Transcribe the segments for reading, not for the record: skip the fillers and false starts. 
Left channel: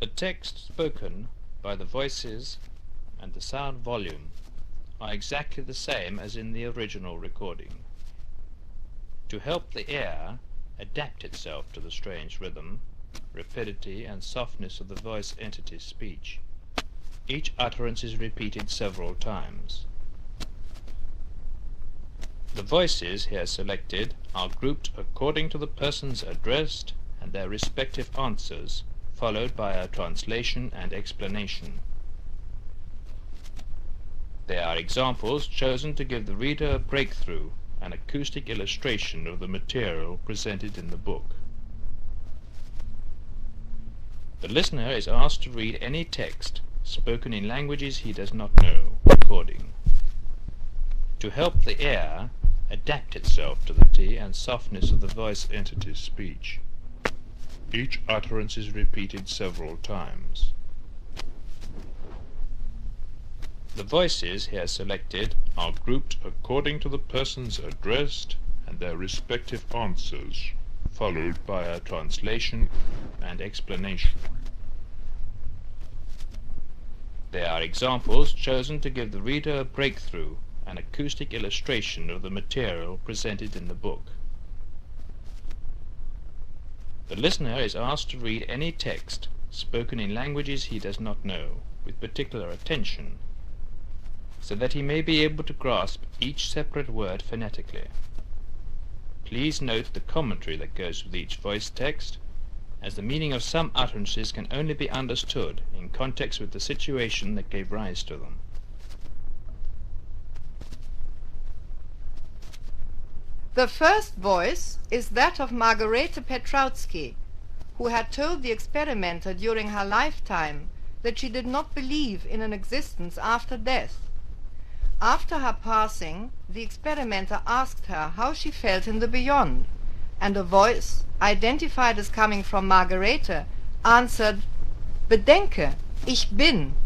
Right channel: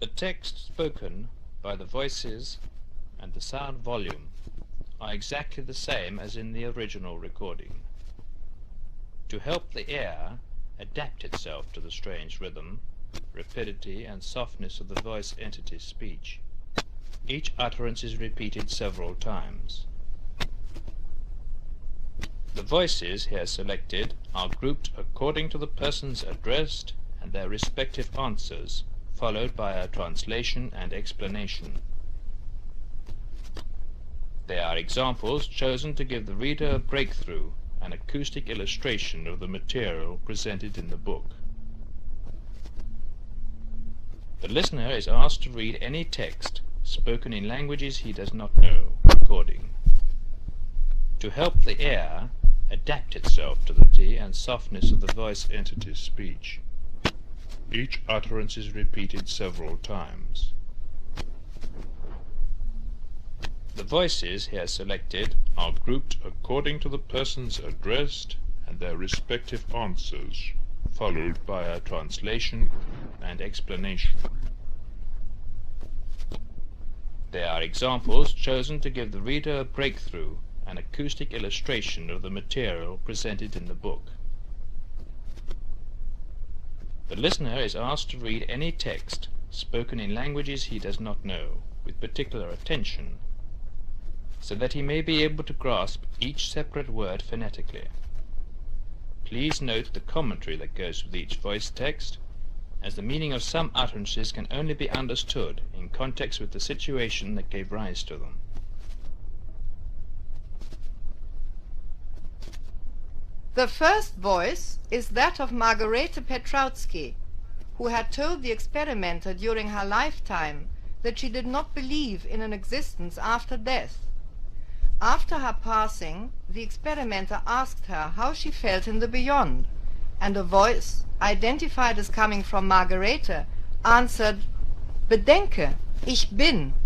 The text spoken by the voices and the sound volume are exactly the same as in the original recording. To help the ear adapt itself to the strange rhythm, rapidity and softness of the voice entity's speech, each utterance is repeated several times. The voices here selected are grouped according to the persons addressed and their respective answers, followed by a translation and explanation. They are examples chosen to give the reader a breakthrough, an acoustic illustration of the material presented in the book. The listener is asked to read any text spoken in languages he does not know, recording. To help the ear adapt itself to the rapidity and softness of the voice entity's speech, each utterance is repeated several times. The voices here selected are grouped according to the persons addressed and their respective answers, followed by a translation and explanation. They are examples chosen to give the reader a breakthrough, an acoustic illustration of the material presented in the book. The listener is asked to read any text spoken in languages he does not know, with particular attention, so that he may be able to grasp each separate word phonetically. Please note the commentary that goes with each voice text, as the meaning of some utterances can only be understood in context with the situation that gave rise to them. The first voice is that of Margarete Petrautsky, who had told the experimenter during her lifetime that she did not believe in an existence after death. After her passing, the experimenter asked her how she felt in the beyond, and a voice, identified as coming from Margarete, answered, "Bedenke, ich bin."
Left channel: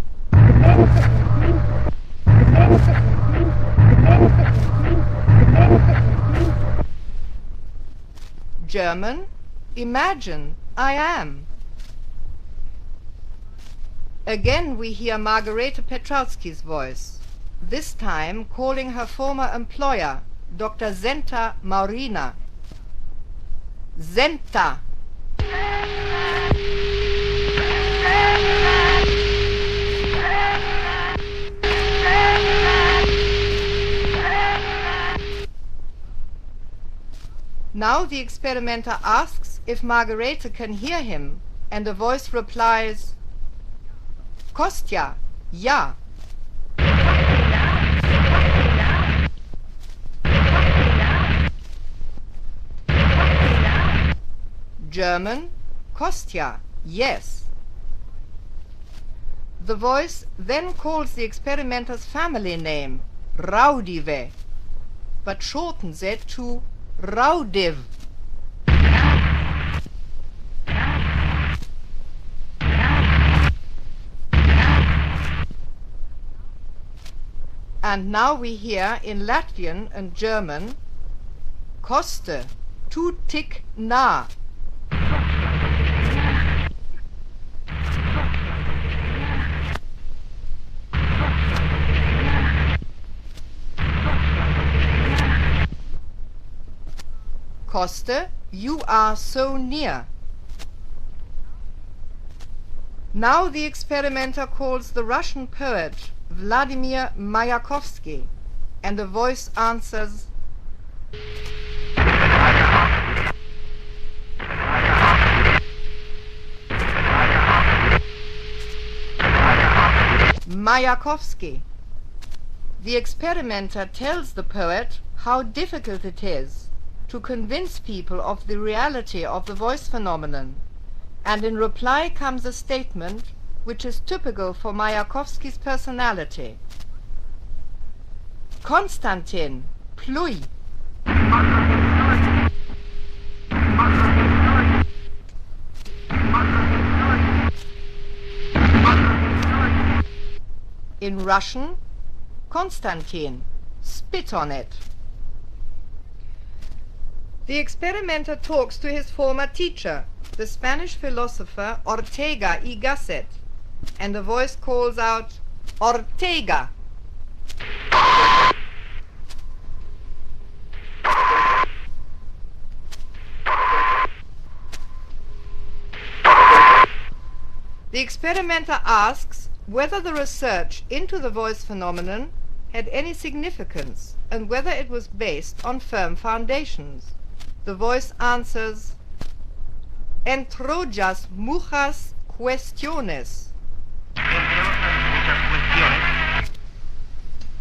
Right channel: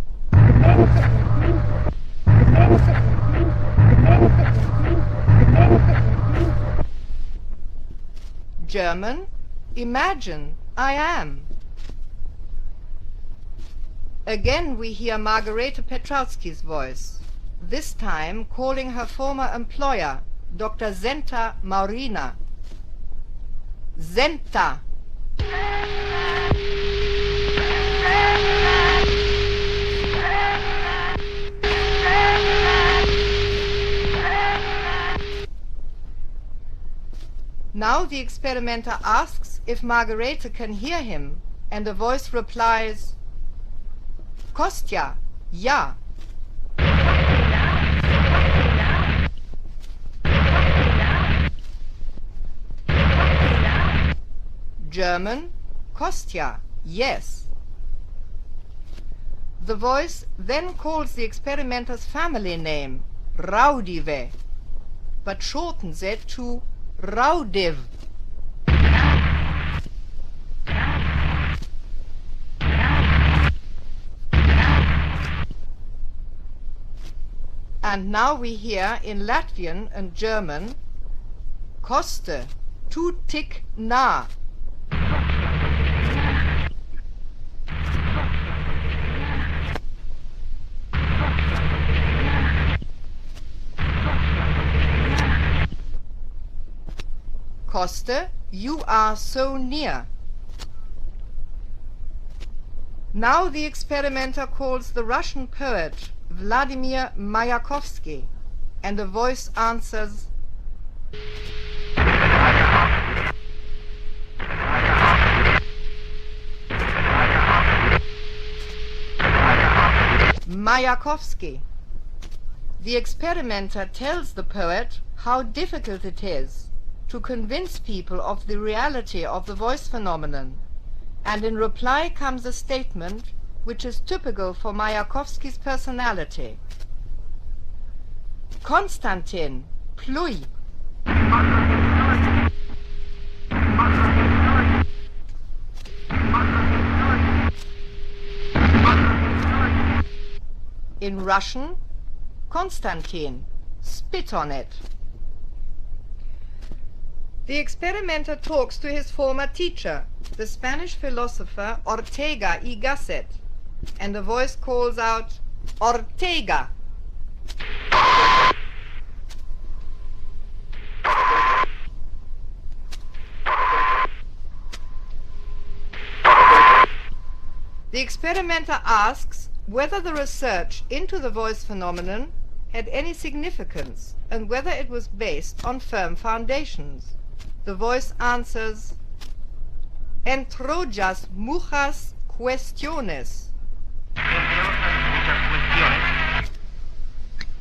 German, imagine, I am. Again we hear Margarete Petrautsky's voice, this time calling her former employer, Dr. Zenta Maurina. Zenta. Now the experimenter asks if Margarete can hear him, and a voice replies, "Kostja, ja." German, Kostja, yes. The voice then calls the experimenter's family name, Raudive, but shortens it to Raudive. And now we hear in Latvian and German, Koste, tu tik nah. Koste, you are so near. Now the experimenter calls the Russian poet Vladimir Mayakovsky, and a voice answers, Mayakovsky. The experimenter tells the poet how difficult it is to convince people of the reality of the voice phenomenon, and in reply comes a statement which is typical for Mayakovsky's personality. Konstantin, pluj. In Russian, Konstantin, spit on it. The experimenter talks to his former teacher, the Spanish philosopher Ortega y Gasset, and a voice calls out, Ortega! The experimenter asks whether the research into the voice phenomenon had any significance and whether it was based on firm foundations. The voice answers, Entre otras muchas cuestiones. Entre otras muchas cuestiones.